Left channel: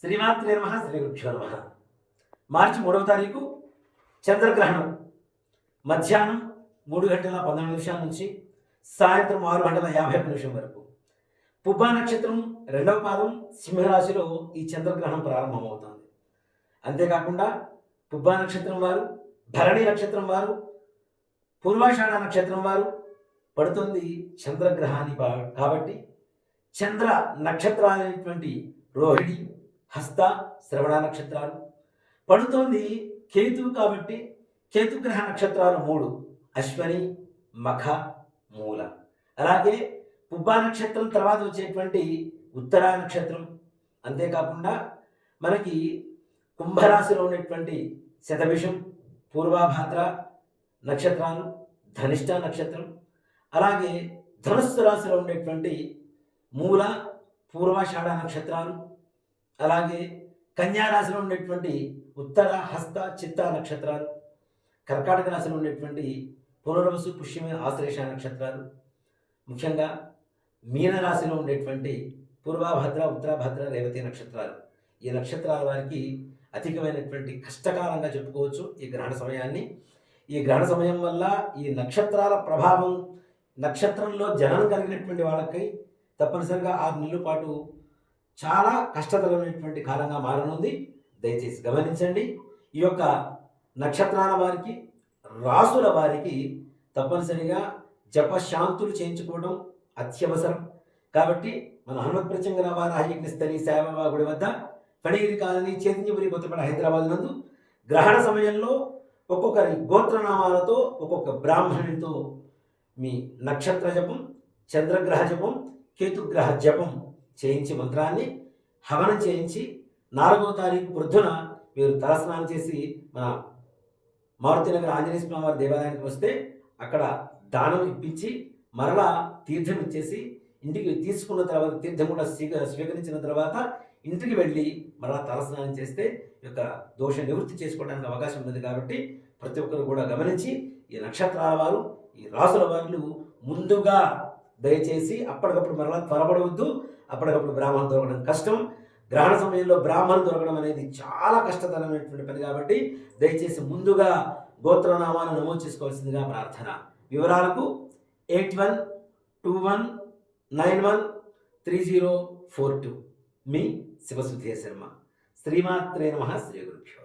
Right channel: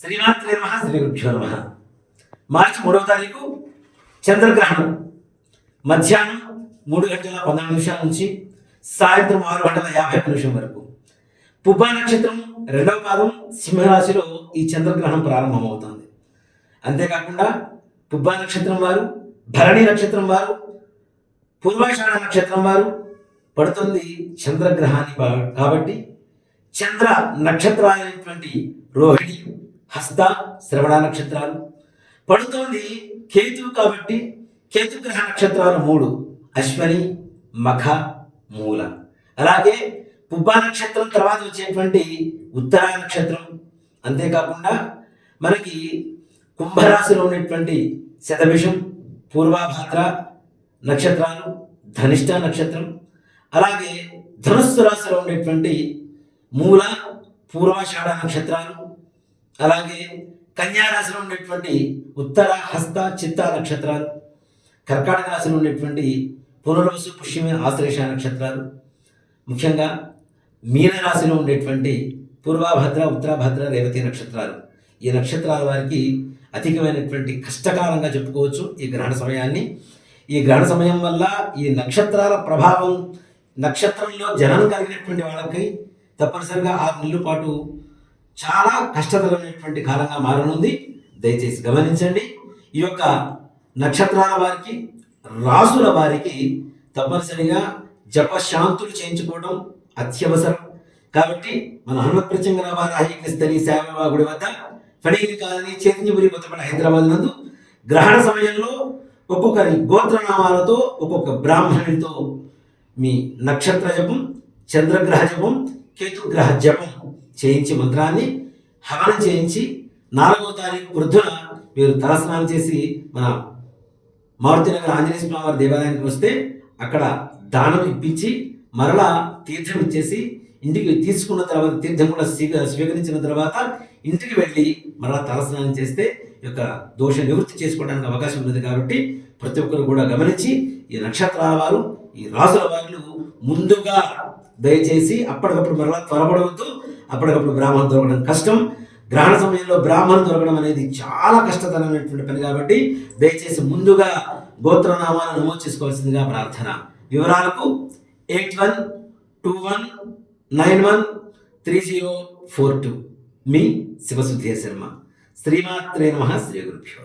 శ్రీమాత్రే నమః శ్రీ గురుభ్యో నమః. మార్చి 3వ తారీఖు చంద్రగ్రహణం మధ్యాహ్నం 3:12 నుంచి సాయంత్రం 6:51 వరకు. పుబ్బా నక్షత్రం 2వ పాదం సింహరాశిలో ఈ చంద్రగ్రహణం ప్రారంభమవుతుంది. అంతేకాకుండా పుబ్బా నక్షత్రం వారు, భరణి నక్షత్రం వారు, పూర్వాషాఢ నక్షత్రం వారు పడుతుంది చంద్రగ్రహాన్ని కాబట్టి చంద్ర నక్షత్రాలైనటువంటి రోహిణి, హస్త, శ్రవణ నక్షత్రాలు పడుతోంది కేతువు కాబట్టి కేతుగ్రహ నక్షత్రాలు 3 అశ్వని, మఖ, మూల. అలాగే పుబ్బా నక్షత్రం తర్వాత వచ్చేటువంటి ఉత్తర నక్షత్రం. అంతేకాకుండా మనకి కుంభరాశిలో ఉన్నటువంటి శతభిషం, పూర్వభాద్ర నక్షత్రాలు, ధనిష్ట నక్షత్రం. అలాగే ధనుస్సు రాశిలో ఉండేటువంటి మూల, పూర్వాషాఢ నక్షత్రాలు. అలాగే కన్యా రాశిలో ఉండేటువంటి ఉత్తర, హస్త, చిత్త నక్షత్రాలు. కర్కాటక రాశిలో ఉండేటువంటి పునర్వసు, పుష్యమి, ఆశ్లేష నక్షత్రాలు. ముఖ్యంగా మీనరాశిలో ఉండేటువంటి పూర్వభద్ర, ఉత్తరభద్ర, రేవతి నక్షత్రాలు. ఈ నక్షత్రాల వారికి అధికమైనటువంటి కష్టకాలంగా చెప్పుకోవచ్చు ఈ గ్రహణ సమయాన్ని. ఈ గ్రహణ సమయం వల్ల ఈ నక్షత్రాల ప్రభావం, నక్షత్రంలో జనం కలిగినటువంటి వాళ్ళకి తప్పనిసరిగా 6 నెలల పాటు చాలా కష్టతరమైనటువంటి కాలంగా మారనుంది. దయచేసి గమనించండి. ఈ యొక్క నక్షత్రాల వారికి, రాసుల వారికి తప్పనిసరిగా జపశాంతులు చేయించుకోవడం అత్యవసరం. కాబట్టి మన హనుమత్ ప్రత్యంగర వారాహిస్తని శామబా గుడి వద్ద ఫణీరి కాలనీ, చైతన్యపురి, కొత్తపేట, హైదరాబాద్ నందు గ్రహణ సమయంలో ఒక్కొక్కరి గోత్రనామాలతో ఒక్కొక్క బ్రాహ్మణుడితో మీ నక్షత్ర జపం, చంద్రగ్రహ జపం, కేతుగ్రహ జపం చేయించి మంత్రాన్ని హవనం చేయించి 4వ తారీఖు వృద్ధున మీరు తలస్నానం చేసి మన మారుతినగర్ ఆంజనేయ స్వామి వారి దేవాలయానికి వస్తే అక్కడ దానం ఇప్పించి మరలా తీర్థం ఇచ్చేసి ఇంటికి తీసుకున్న తర్వాత, తీర్థం కూడా స్వీకరించిన తర్వాత ఇంటికి వెళ్ళి మరలా తలస్నానం చేస్తే ఈ యొక్క దోష నివృత్తి చేసుకోవడానికి అవకాశం ఉన్నది. కాబట్టి ప్రతి ఒక్కరు కూడా గమనించి ఈ నక్షత్రాల వారు, ఈ రాసుల వారు ముందుగా దయచేసి అప్పటికప్పుడు మరలా త్వరపడవద్దు. అప్పటికప్పుడు బ్రాహ్మణం దొరకడం కష్టం. గ్రహణ సమయంలో బ్రాహ్మణం దొరకడం అనేది చాలా కష్టతరమైనటువంటి పని కాబట్టి దయచేసి ముందుగా గోత్రనామాలను నమోదు చేసుకోవాల్సిందిగా ప్రార్థన. వివరాలకు 8121913042. మీ శివసుధీర్ శర్మ. శ్రీమాత్రే నమః. శ్రీ గురుభ్యో.